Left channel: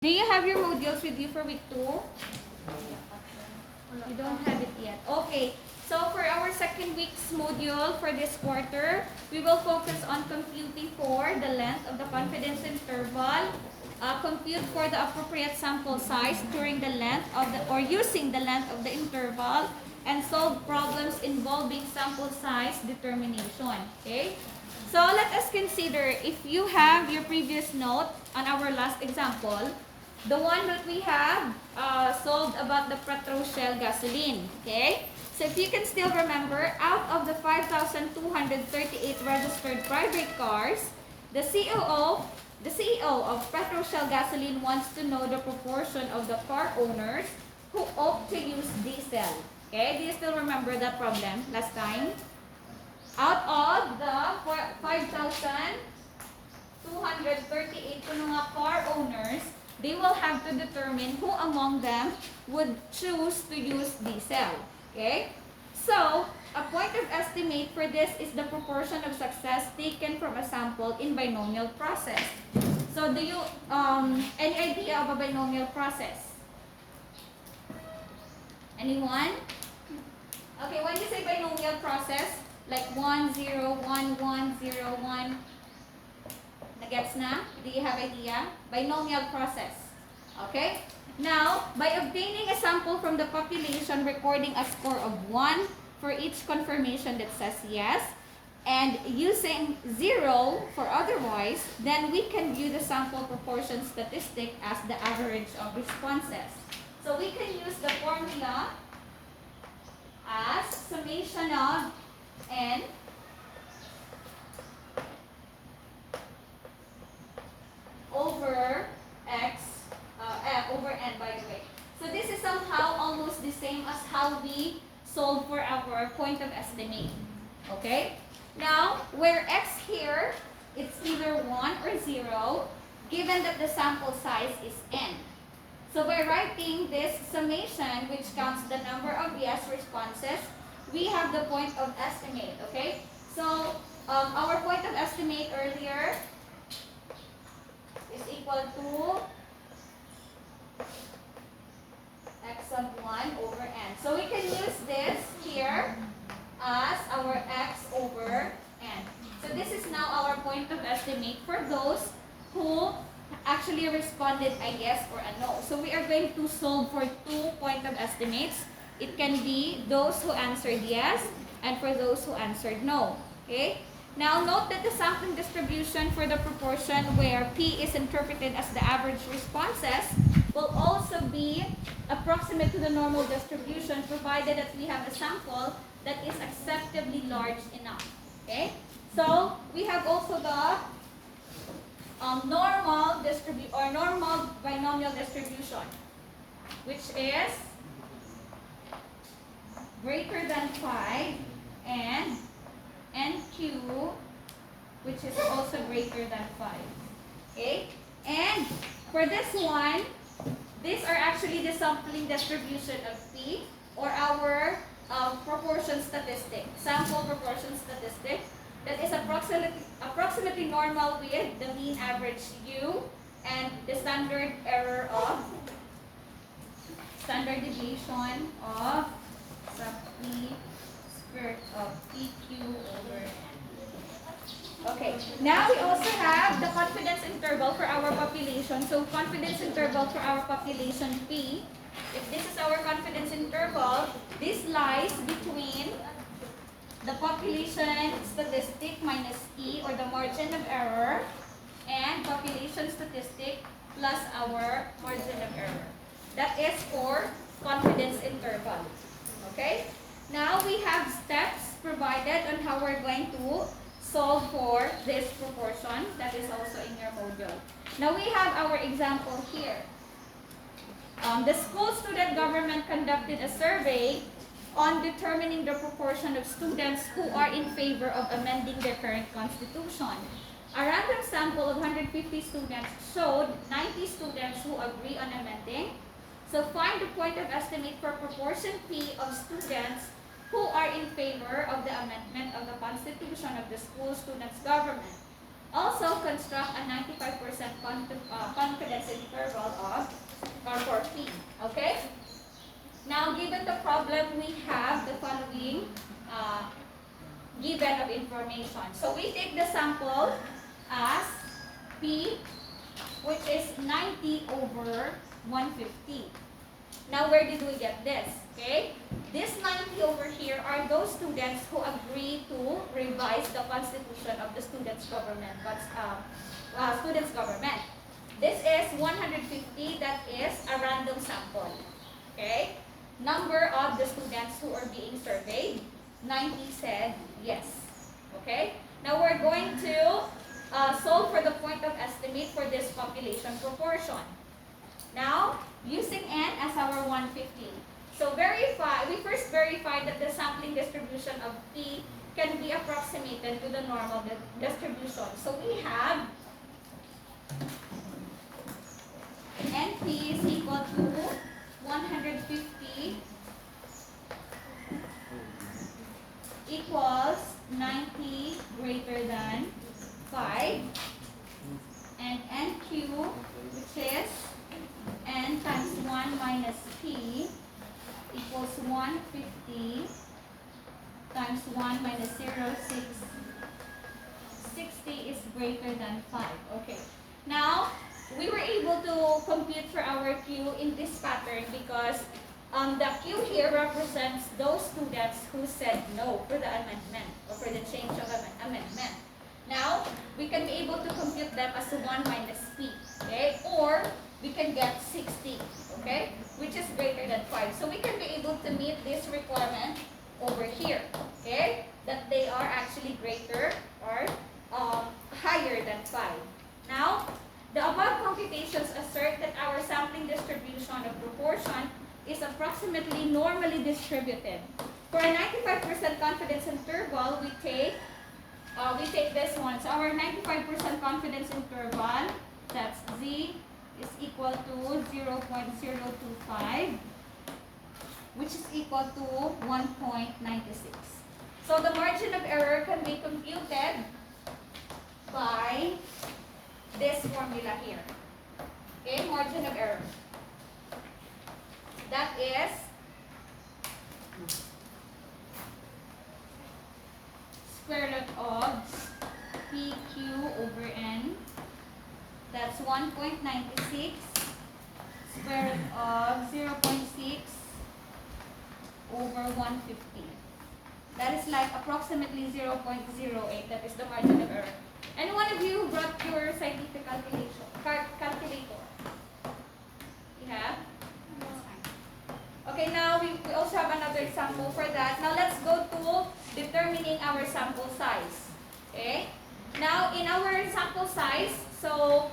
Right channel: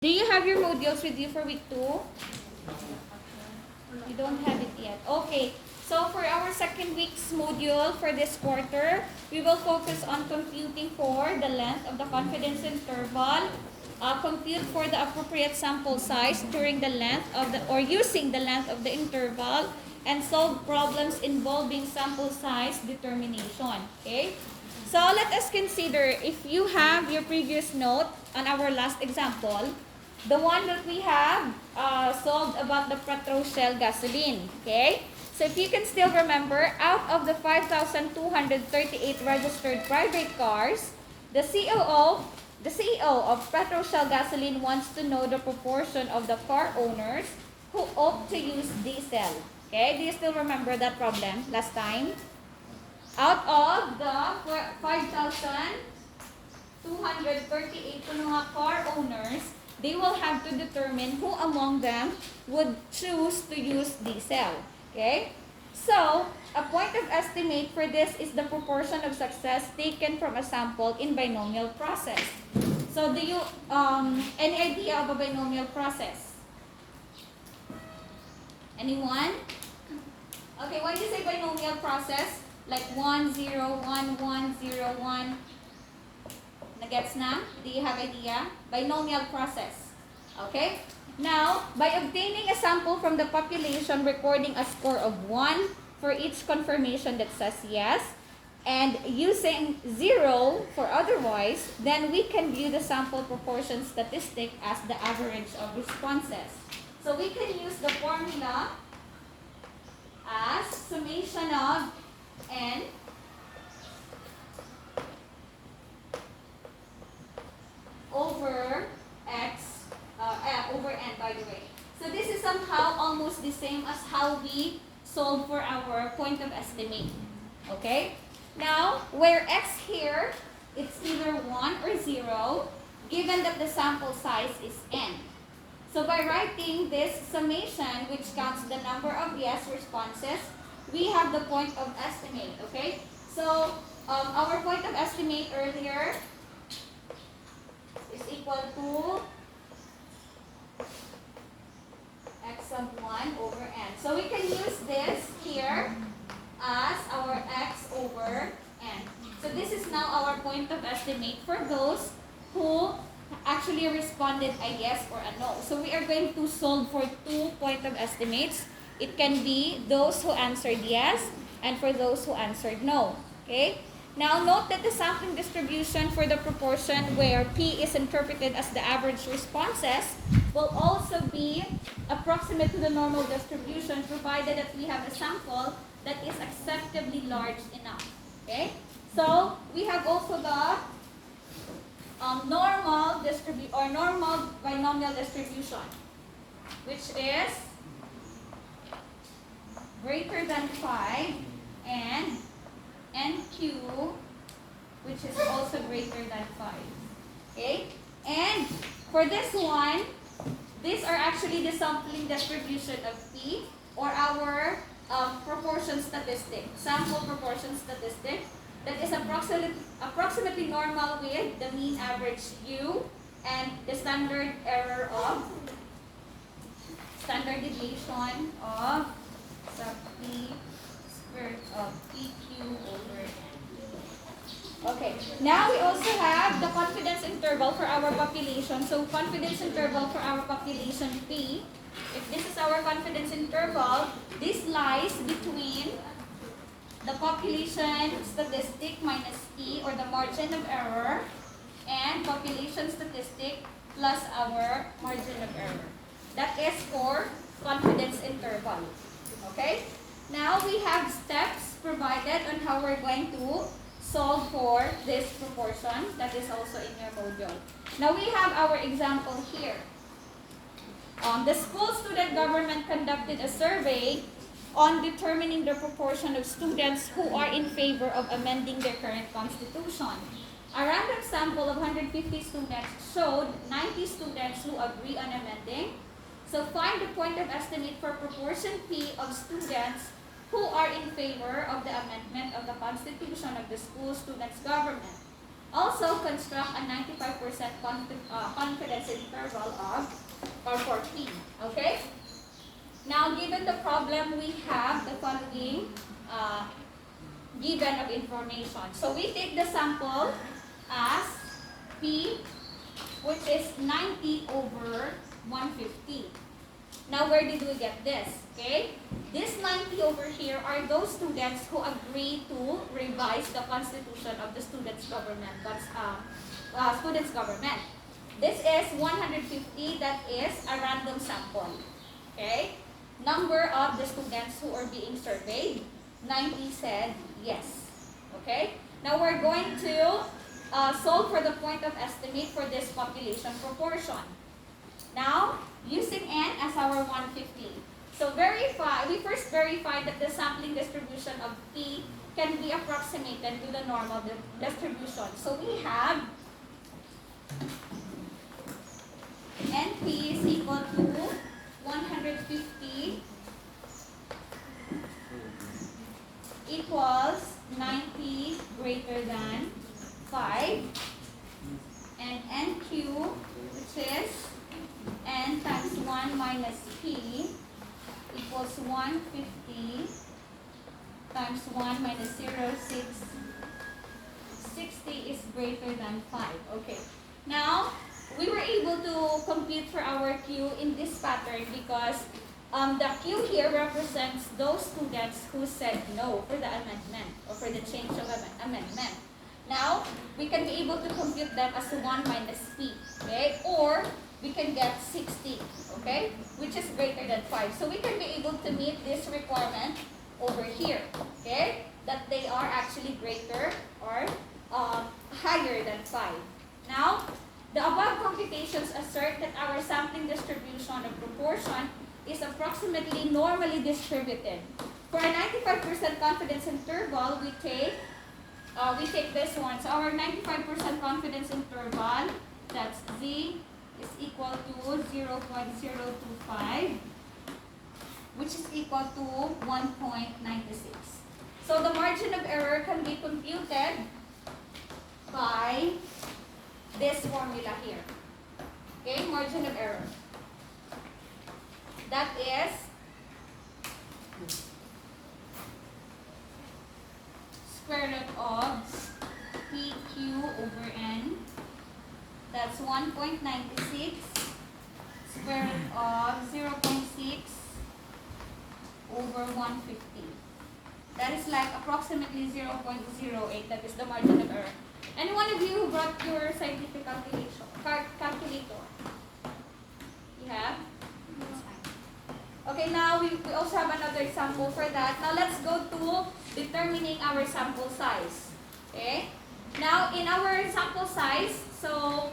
Do you have your modules with you for week 2? You don't have it yet. Okay. So for our second week's module for this quarter, we will focus on computing for the length of the confidence interval, compute for the appropriate sample size during the length of the or using the length of the interval, and solve problems involving sample size determination. Okay? So let us consider if you have your previous note on our last example, the one that we have solved about the Petroshell gasoline. Okay? So if you can still remember, out of the 5,238 registered private cars, the CEO of Petroshell gasoline wants to know the proportion of the car owners who opt to use diesel. Okay? Do you still remember that problem last time? Out of the 5,238 car owners, they will have to determine who among them would choose to use diesel. Okay? So, a point of estimate for this is the proportion of success taken from a sample in binomial process. So, do you, any idea of a binomial process? Anyone? Okay, when you say binomial process, like 1, 0, 1, 1, 0, 1, nagets na? Do you have idea? Binomial process. Okay? Now, by obtaining a sample from the population recording a score of 1 for each confirmation that says yes, and using 0 for otherwise, then we can view the sample proportion statistic as the average of responses. So we can use the formula as summation of n over x over n, by the way. So this is somehow almost the same as how we solve for our point of estimate. Okay? Now, where x here, it's either 1 or 0, given that the sample size is n. So by writing this summation, which counts the number of yes responses, we have the point of estimate. Okay? So our point of estimate earlier is equal to x sub 1 over n. So we can use this here as our x over n. So this is now our point of estimate for those who actually responded a yes or a no. So we are going to solve for 2 point of estimates. It can be those who answered yes and for those who answered no. Okay? Now note that the sampling distribution for the proportion where P is interpreted as the average responses will also be approximate to the normal distribution provided that we have a sample that is acceptably large enough. Okay? So we have also the normal binomial distribution, which is greater than 5 and NQ, which is also greater than 5. Okay? And for this one, these are actually the sampling distribution of P, or our proportion statistic, sample proportion statistic, that is approximately normal with the mean average U and the standard error of standard deviation of sub P squared of PQ over N. Okay, now we also have the confidence interval for our population. So confidence interval for our population P, if this is our confidence interval, this lies between the population statistic minus P, or the margin of error, and population statistic plus our margin of error. That is for confidence interval. Okay? Now we have steps provided on how we're going to solve for this proportion that is also in your module. Now we have our example here. The school student government conducted a survey on determining the proportion of students who are in favor of amending their current constitution. A random sample of 150 students showed 90 students who agree on amending. So find the point of estimate for proportion P of students who are in favor of the amendment of the constitution of the school students government. Also, construct a 95% confidence interval of, or for P. Okay? Now, given the problem, we have the following given of information. So, we take the sample as P, which is 90 over 150. Now, where did we get this? Okay? This 90 over here are those students who agree to revise the constitution of the students' government. This is 150, that is a random sample. Okay? Number of the students who are being surveyed, 90 said yes. Okay? Now, we're going to solve for the point of estimate for this population proportion. Now, using n as our 150. So we first verify that the sampling distribution of P can be approximated to the normal distribution. So we have NP is equal to 150 equals 90 greater than 5, and NQ, which is n times 1 minus p, equals 150 times 1 minus 0, 60 is greater than 5. Okay. Now, we were able to compute for our Q in this pattern because the Q here represents those students who said no for the amendment or for the change of amendment. Now, we can be able to compute them as 1 minus p, okay? Or we can get 60, okay? Which is greater than 5. So we can be able to meet this requirement over here, okay? That they are actually greater or higher than 5. Now, the above computations assert that our sampling distribution of proportion is approximately normally distributed. For a 95% confidence interval, we take this one. So our 95% confidence interval, that's Z, is equal to 0.025, which is equal to 1.96. So the margin of error can be computed by this formula here. Okay, margin of error. That is square root of PQ over N. That's 1.96 square root of 0.6 over 150. That is like approximately 0.08. That is the margin of error. Any one of you who brought your scientific calculator? You have? That's fine. Okay, now we also have another example for that. Now let's go to determining our sample size. Okay? Now in our sample size, so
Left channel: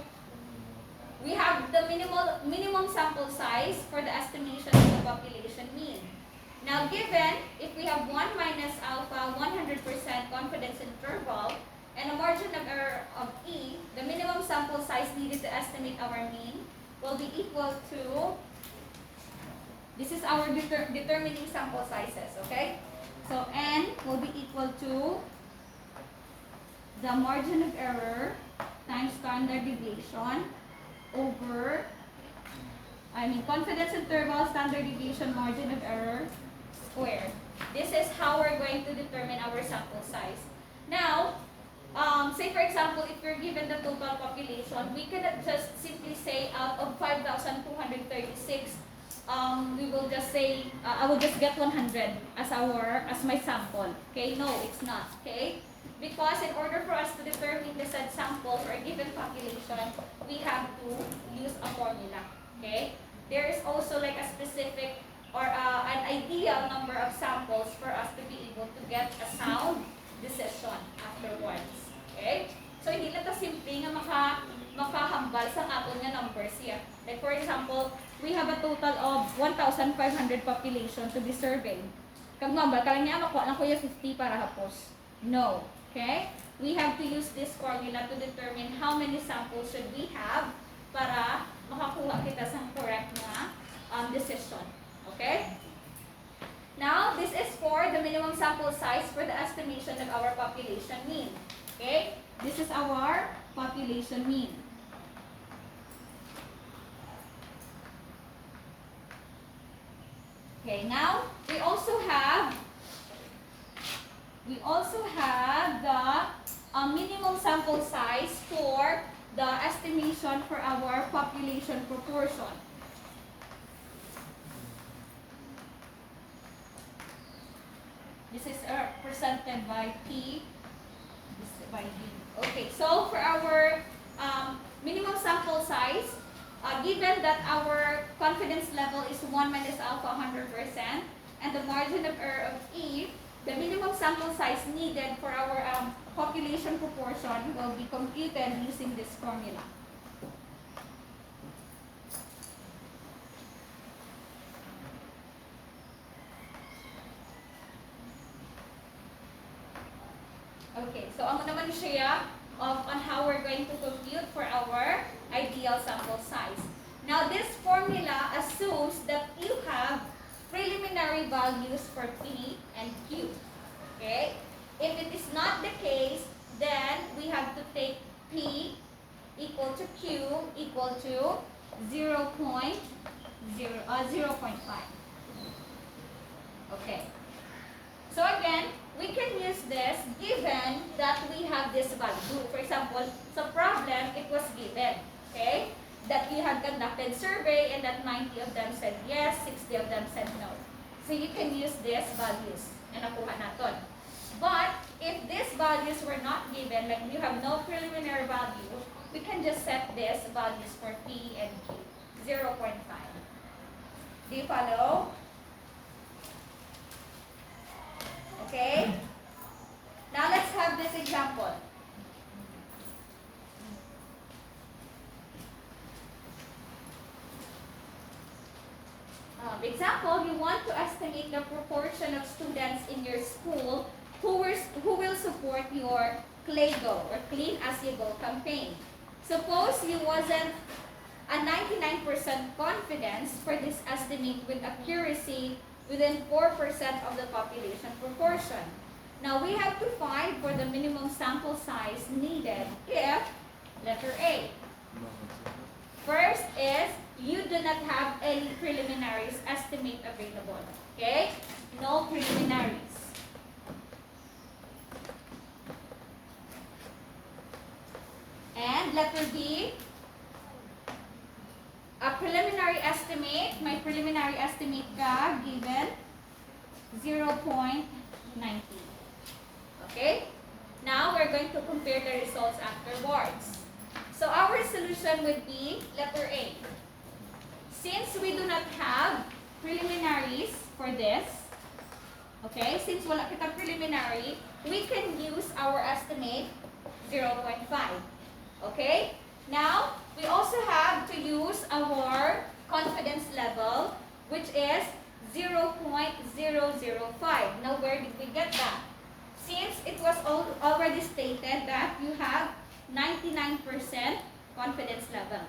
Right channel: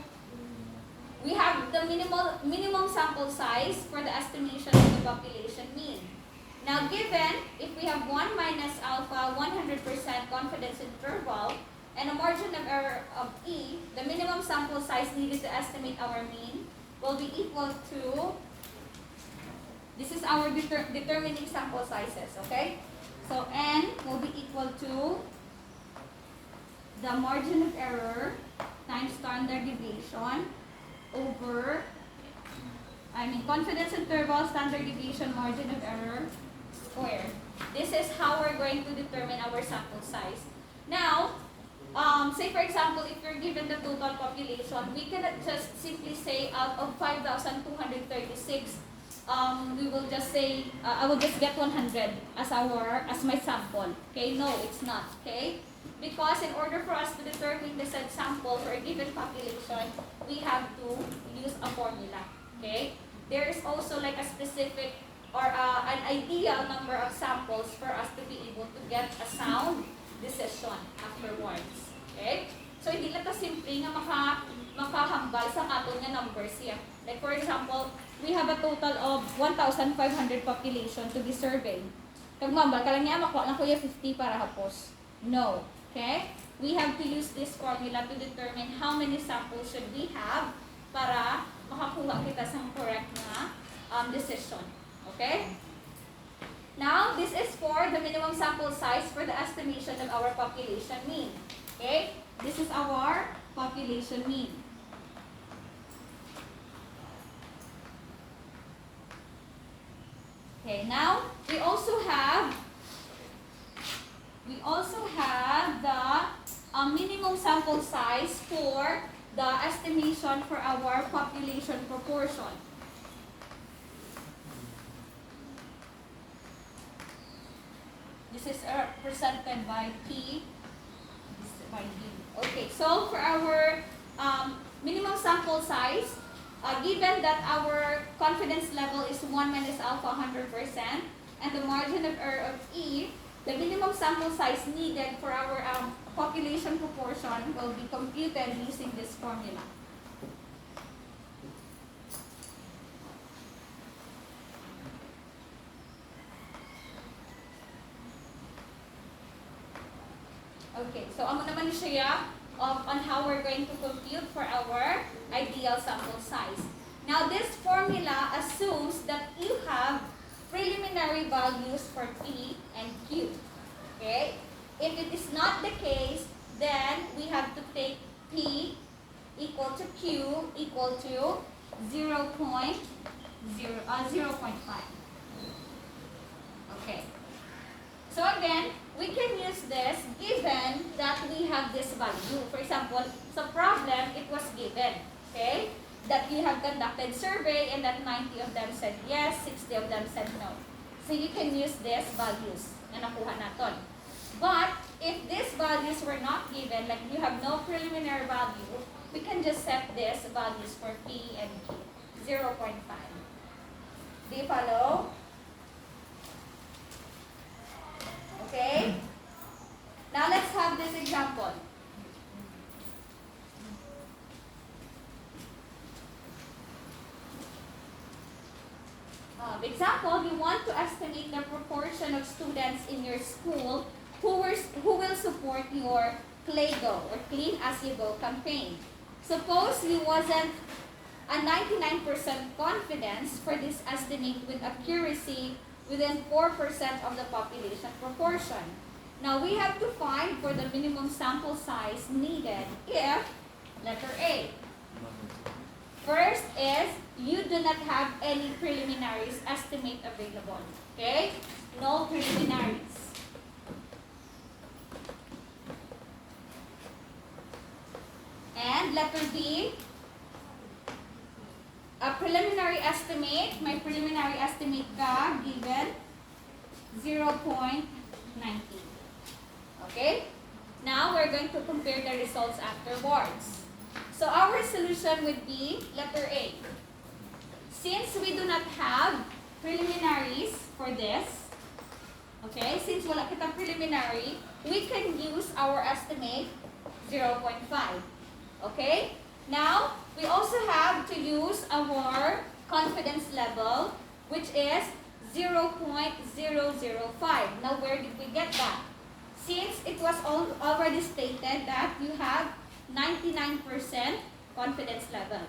we have the minimum sample size for the estimation of the population mean. Now given, if we have 1 minus alpha 100% confidence interval and a margin of error of E, the minimum sample size needed to estimate our mean will be equal to, this is our determining sample sizes, okay? So N will be equal to the margin of error times standard deviation over, confidence interval, standard deviation, margin of error squared. This is how we're going to determine our sample size. Now, say for example, if you're given the total population, we cannot just simply say out of 5,236, we will just say, I will just get 100 as my sample. Okay, no, it's not. Okay, because in order for us to determine the said sample for a given population, we have to use a formula. Okay, there is also like a specific or an ideal number of samples for us to be able to get a sound decision afterwards. Okay, so hindi lang ta simple nga makahambal sa aton nga numbers here. Like for example, we have a total of 1,500 population to be surveyed. Kag mambal kalang niya makuha lang ko yung 50 para hapos. No. Okay? We have to use this formula to determine how many samples should we have para makakuha kita sa correct na decision. Okay? Now, this is for the minimum sample size for the estimation of our population mean. Okay? This is our population mean. Okay, now we also have the minimum sample size for the estimation for our population proportion. This is presented by P. This is by D. Okay, so for our minimum sample size, given that our confidence level is 1 minus alpha 100% and the margin of error of E, the minimum sample size needed for our population proportion will be computed using this formula. Okay, so amo naman siya on how we're going to compute for our ideal sample size. Now, this formula assumes that you have preliminary values for P and Q. Okay? If it is not the case, then we have to take P equal to Q equal to 0.5. Okay. So again, we can use this given that we have this value. For example, sa problem, it was given, okay, that you have conducted survey and that 90 of them said yes, 60 of them said no. So you can use these values na nakuha natin. But if these values were not given, like you have no preliminary value, we can just set these values for P and Q, 0.5. Do you follow? Okay? Now let's have this example. Example, you want to estimate the proportion of students in your school who will support your CLAYGO or Clean As You Go campaign. Suppose you wasn't a 99% confidence for this estimate with accuracy within 4% of the population proportion. Now, we have to find for the minimum sample size needed if, letter A. First is, you do not have any preliminaries estimate available. Okay? No preliminaries. And letter B, a preliminary estimate, my preliminary estimate ka given 0.90. Okay? Now, we're going to compare the results afterwards. So, our solution would be letter A. Since we do not have preliminaries for this, okay, since wala kita preliminary, we can use our estimate 0.5. Okay? Now, we also have to use our confidence level, which is 0.005. Now, where did we get that? Since it was already stated that you have 99% confidence level.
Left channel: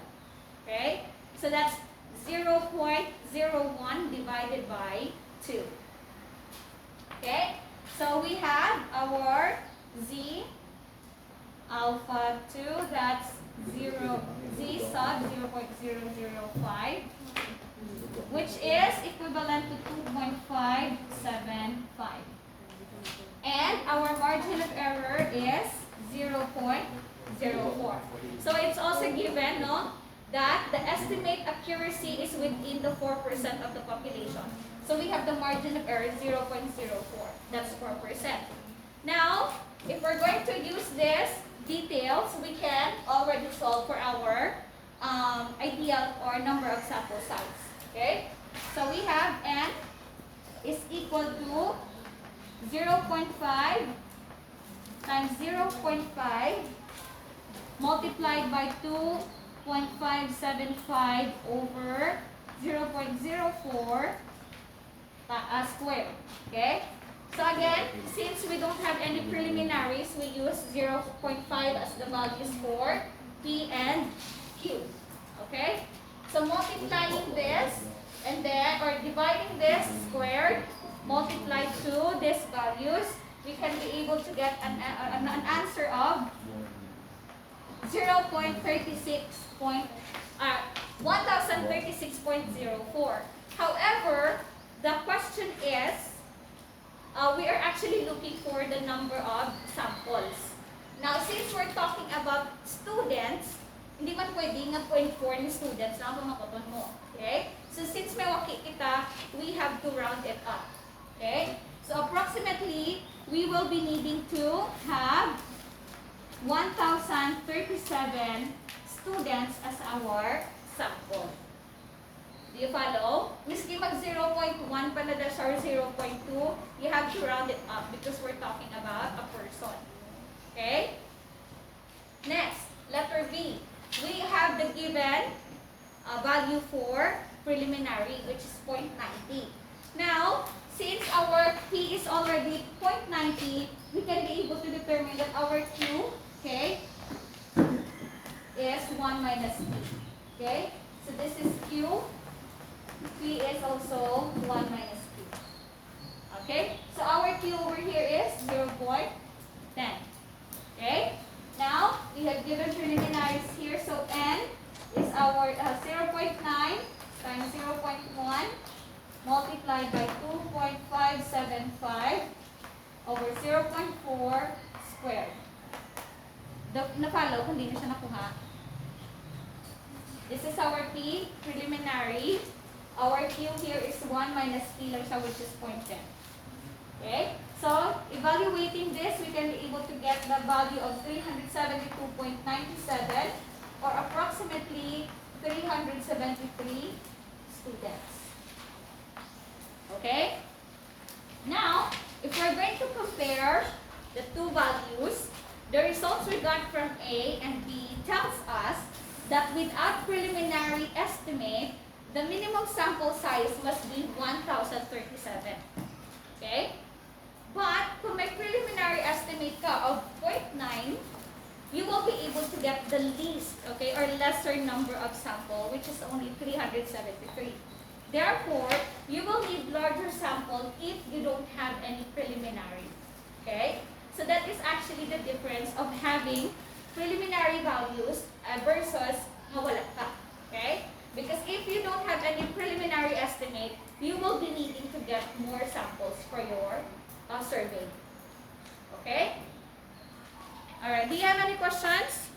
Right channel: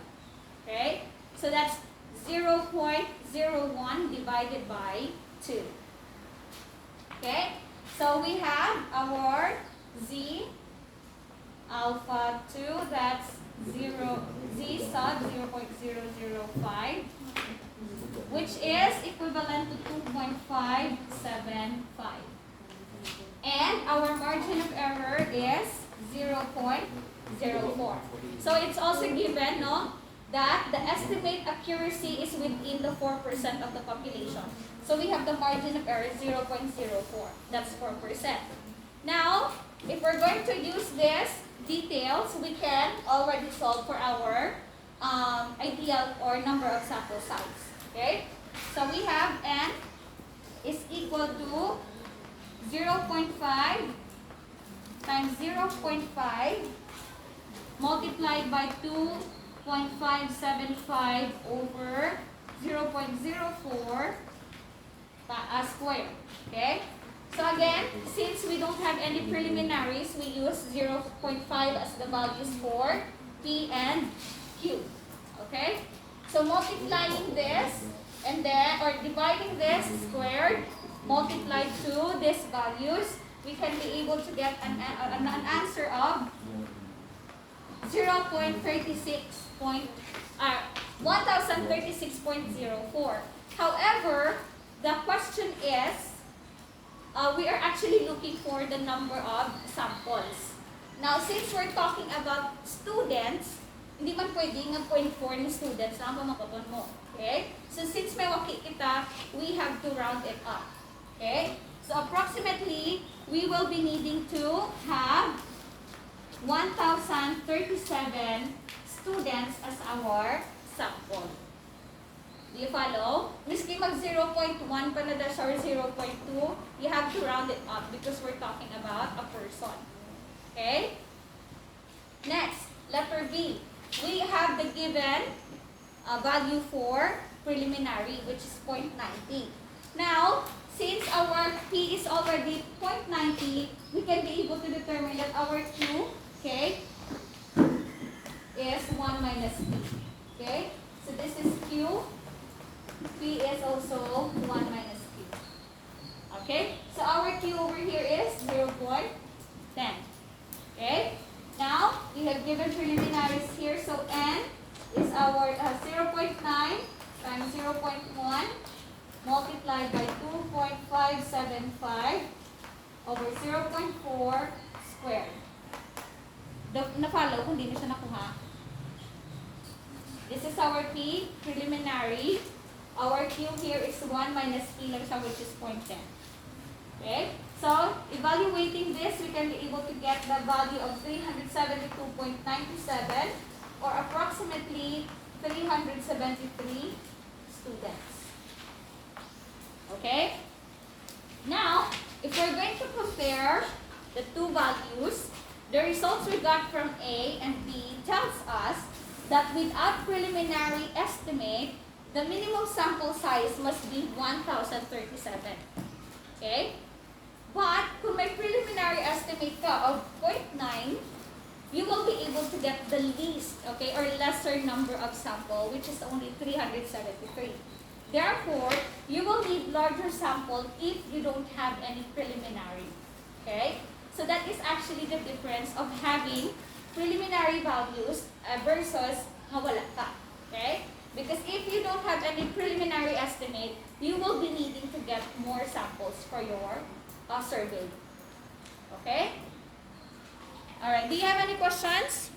Okay? So, that's 0.01 divided by 2. Okay? So, we have our Z alpha 2, that's Z sub 0.005, which is equivalent to 2.575. And our margin of error is 0.04. So it's also given, no, that the estimate accuracy is within the 4% of the population. So we have the margin of error 0.04. That's 4%. Now, if we're going to use this details, we can already solve for our ideal or number of sample size. Okay? So we have n is equal to 0.5 times 0.5 multiplied by 2.575 over 0.04 squared. Okay? So again, since we don't have any preliminaries, we use 0.5 as the values for P and Q. Okay? So multiplying this and then, or dividing this squared, multiplied to these values, we can be able to get an answer of 1036.04. However, the question is, we are actually looking for the number of samples. Now, since we're talking about students, hindi man pwede nga 0.4 ni students na makuton mo. Okay? So, since may waki kita, we have to round it up. Okay? So, approximately, we will be needing to have 1,037 students as our sample. Do you follow? Miski mag 0.1 pa na dash or 0.2, you have to round it up because we're talking about a person. Okay? Next, letter B. We have the given value for preliminary, which is 0.90. Now, since our P is already 0.90, we can be able to determine that our Q, okay, is 1 minus P. Okay? So this is Q. P is also 1 minus P. Okay? So our Q over here is 0.10. Okay? Now, we have given preliminaries here. So N is our 0.9 times 0.1 multiplied by 2.575 over 0.4 squared. Na-follow kung di na siya nakuha. This is our P, preliminary. Our Q here is 1 minus P lang siya, which is 0.10. Okay? So, evaluating this, we can be able to get the value of 372.97 or approximately 373 students. Okay? Now, if we're going to compare the two values, the results we got from A and B tells us that without preliminary estimate, the minimum sample size must be 1,037. Okay? But, kung may preliminary estimate ka of 0.9, you will be able to get the least, okay, or lesser number of sample, which is only 373. Therefore, you will need larger sample if you don't have any preliminary. Okay? So that is actually the difference of having preliminary values versus wala ka. Okay? Because if you don't have any preliminary estimate, you will be needing to get more samples for your survey. Okay? Alright, do you have any questions?